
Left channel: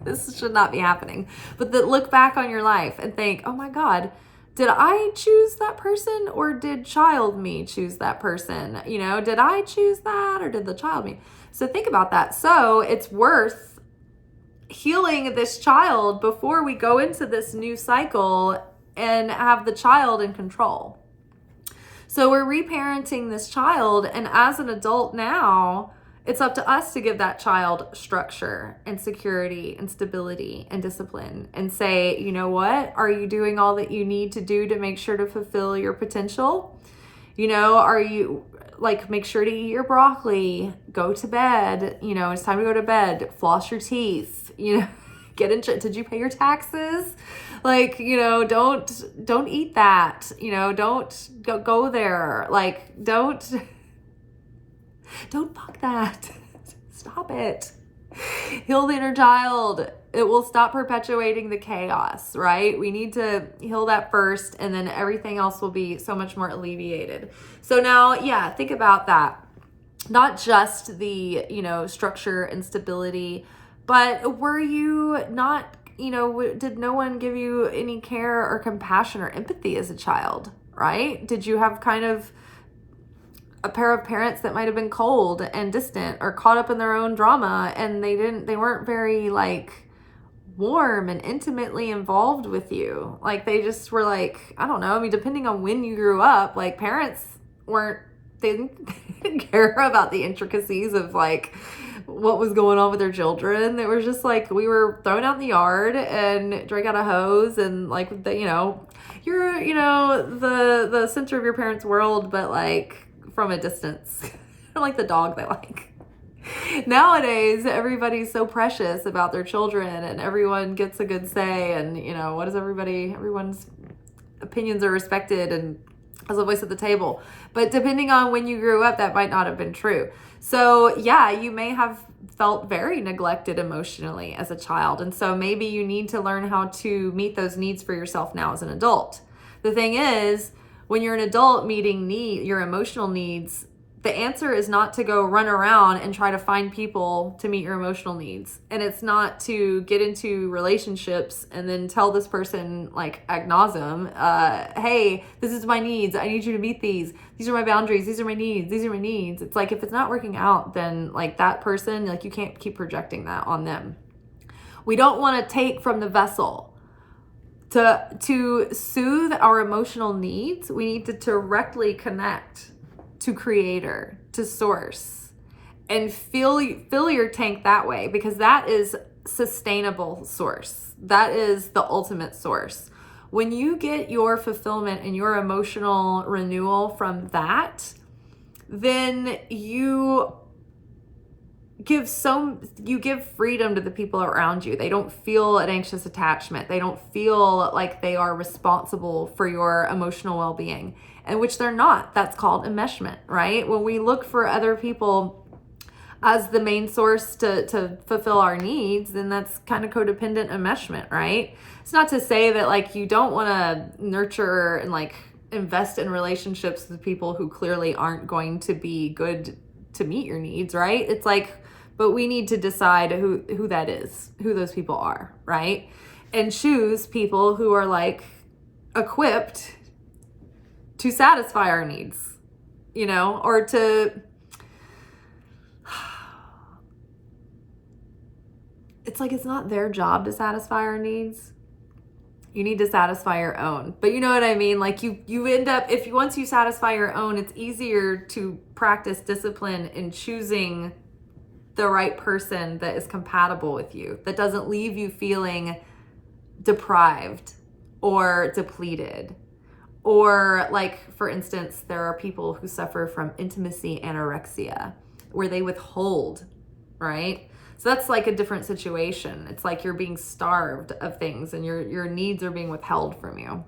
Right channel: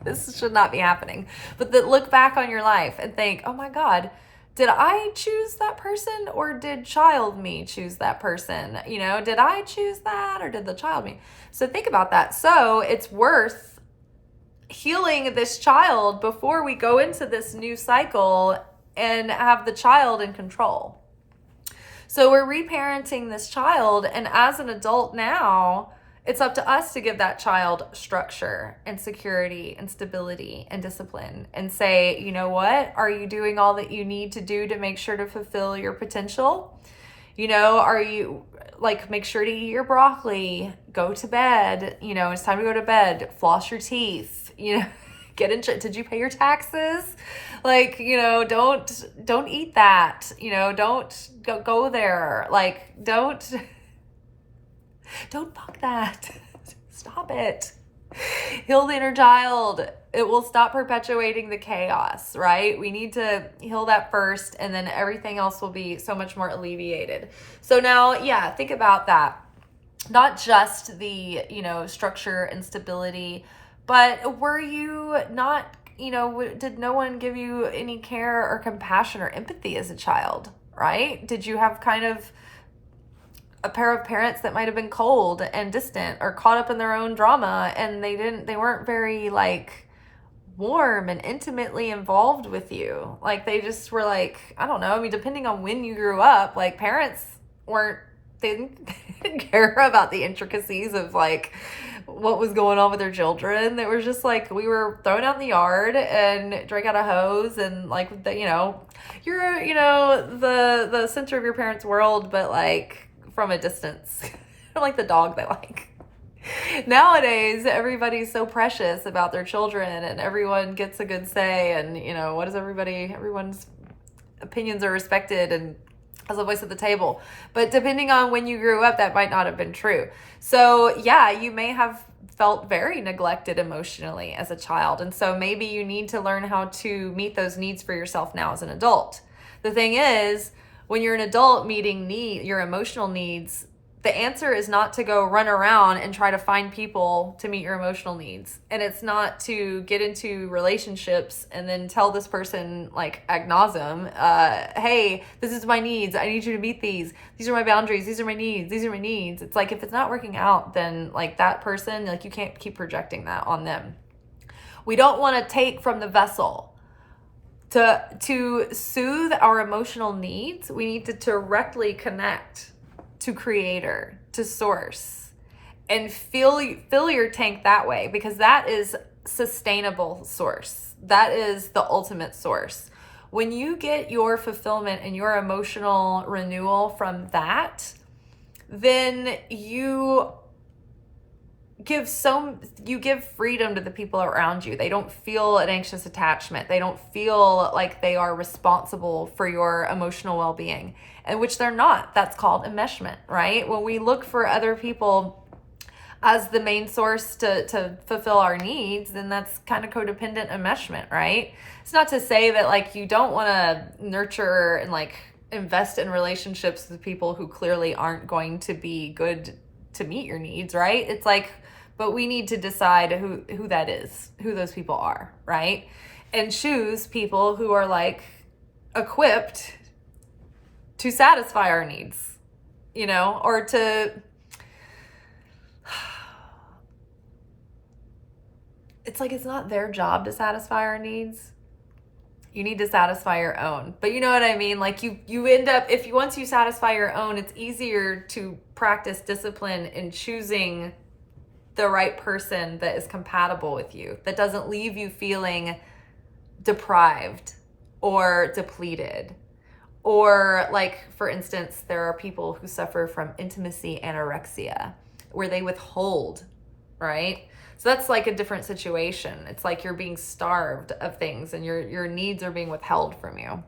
this should not be happening. But look back on your life and think, oh my God, did I choose that person or did child me choose that person? Did I choose that or did the child me? So think about that. So it's worth healing this child before we go into this new cycle and have the child in control. So we're reparenting this child, and as an adult now, it's up to us to give that child structure and security and stability and discipline and say, you know what? Are you doing all that you need to do to make sure to fulfill your potential? Are you make sure to eat your broccoli, go to bed, it's time to go to bed, floss your teeth, get in, did you pay your taxes? Don't eat that, don't go there. Don't fuck that. Stop it. Heal the inner child. It will stop perpetuating the chaos, right? We need to heal that first, and then everything else will be so much more alleviated. So now, think about that. Not just the, structure and stability, but were you not, did no one give you any care or compassion or empathy as a child, right? Did you have kind of a pair of parents that might have been cold and distant or caught up in their own drama, and they weren't very warm and intimately involved with you? They just were I don't know. I mean, depending on when you grew up, parents they didn't care about the intricacies of what was going on with their children. It was just we were thrown out in the yard and drank out a hose, and you're the center of your parents' world, but from a distance. Like the dog they like. Nowadays, everybody's so precious about their children, and everyone gets a good say, and everyone's opinions are respected and has a voice at the table. But depending on when you grew up, that might not have been true. So you may have felt very neglected emotionally as a child, and so maybe you need to learn how to meet those needs for yourself now as an adult. The thing is, when you're an adult meeting your emotional needs, the answer is not to go run around and try to find people to meet your emotional needs. And it's not to get into relationships and then tell this person ad nauseum, hey, this is my needs. I need you to meet these. These are my boundaries. These are my needs. These are my needs. It's if it's not working out, then that person, you can't keep projecting that on them. We don't want to take from the vessel. To soothe our emotional needs, we need to directly connect to creator, to source, and fill your tank that way, because that is sustainable source. That is the ultimate source. When you get your fulfillment and your emotional renewal from that, then you give freedom to the people around you. They don't feel an anxious attachment. They don't feel like they are responsible for your emotional well-being, and which they're not. That's called enmeshment, right? When we look for other people as the main source to fulfill our needs, then that's kind of codependent enmeshment, right? It's not to say that you don't want to nurture and invest in relationships with people who clearly aren't going to be good to meet your needs, right? It's but we need to decide who that is, who those people are, right? And choose people who are equipped to satisfy our needs, or to, it's it's not their job to satisfy our needs. You need to satisfy your own. But you know what I mean? Like you end up, once you satisfy your own, it's easier to practice discipline in choosing the right person that is compatible with you, that doesn't leave you feeling deprived or depleted. Or like, for instance, there are people who suffer from intimacy anorexia, where they withhold, right? So that's like a different situation. It's like you're being starved of things and your needs are being withheld from you.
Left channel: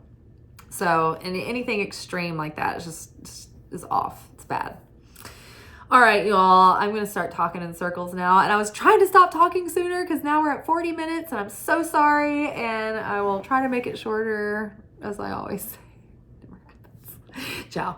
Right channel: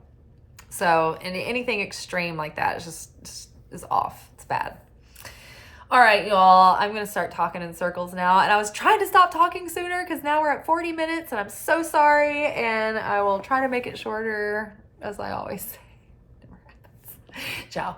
So, and anything extreme like that is just is off. It's bad. All right, y'all, I'm going to start talking in circles now. And I was trying to stop talking sooner because now we're at 40 minutes and I'm so sorry. And I will try to make it shorter, as I always say. Never happens. Ciao.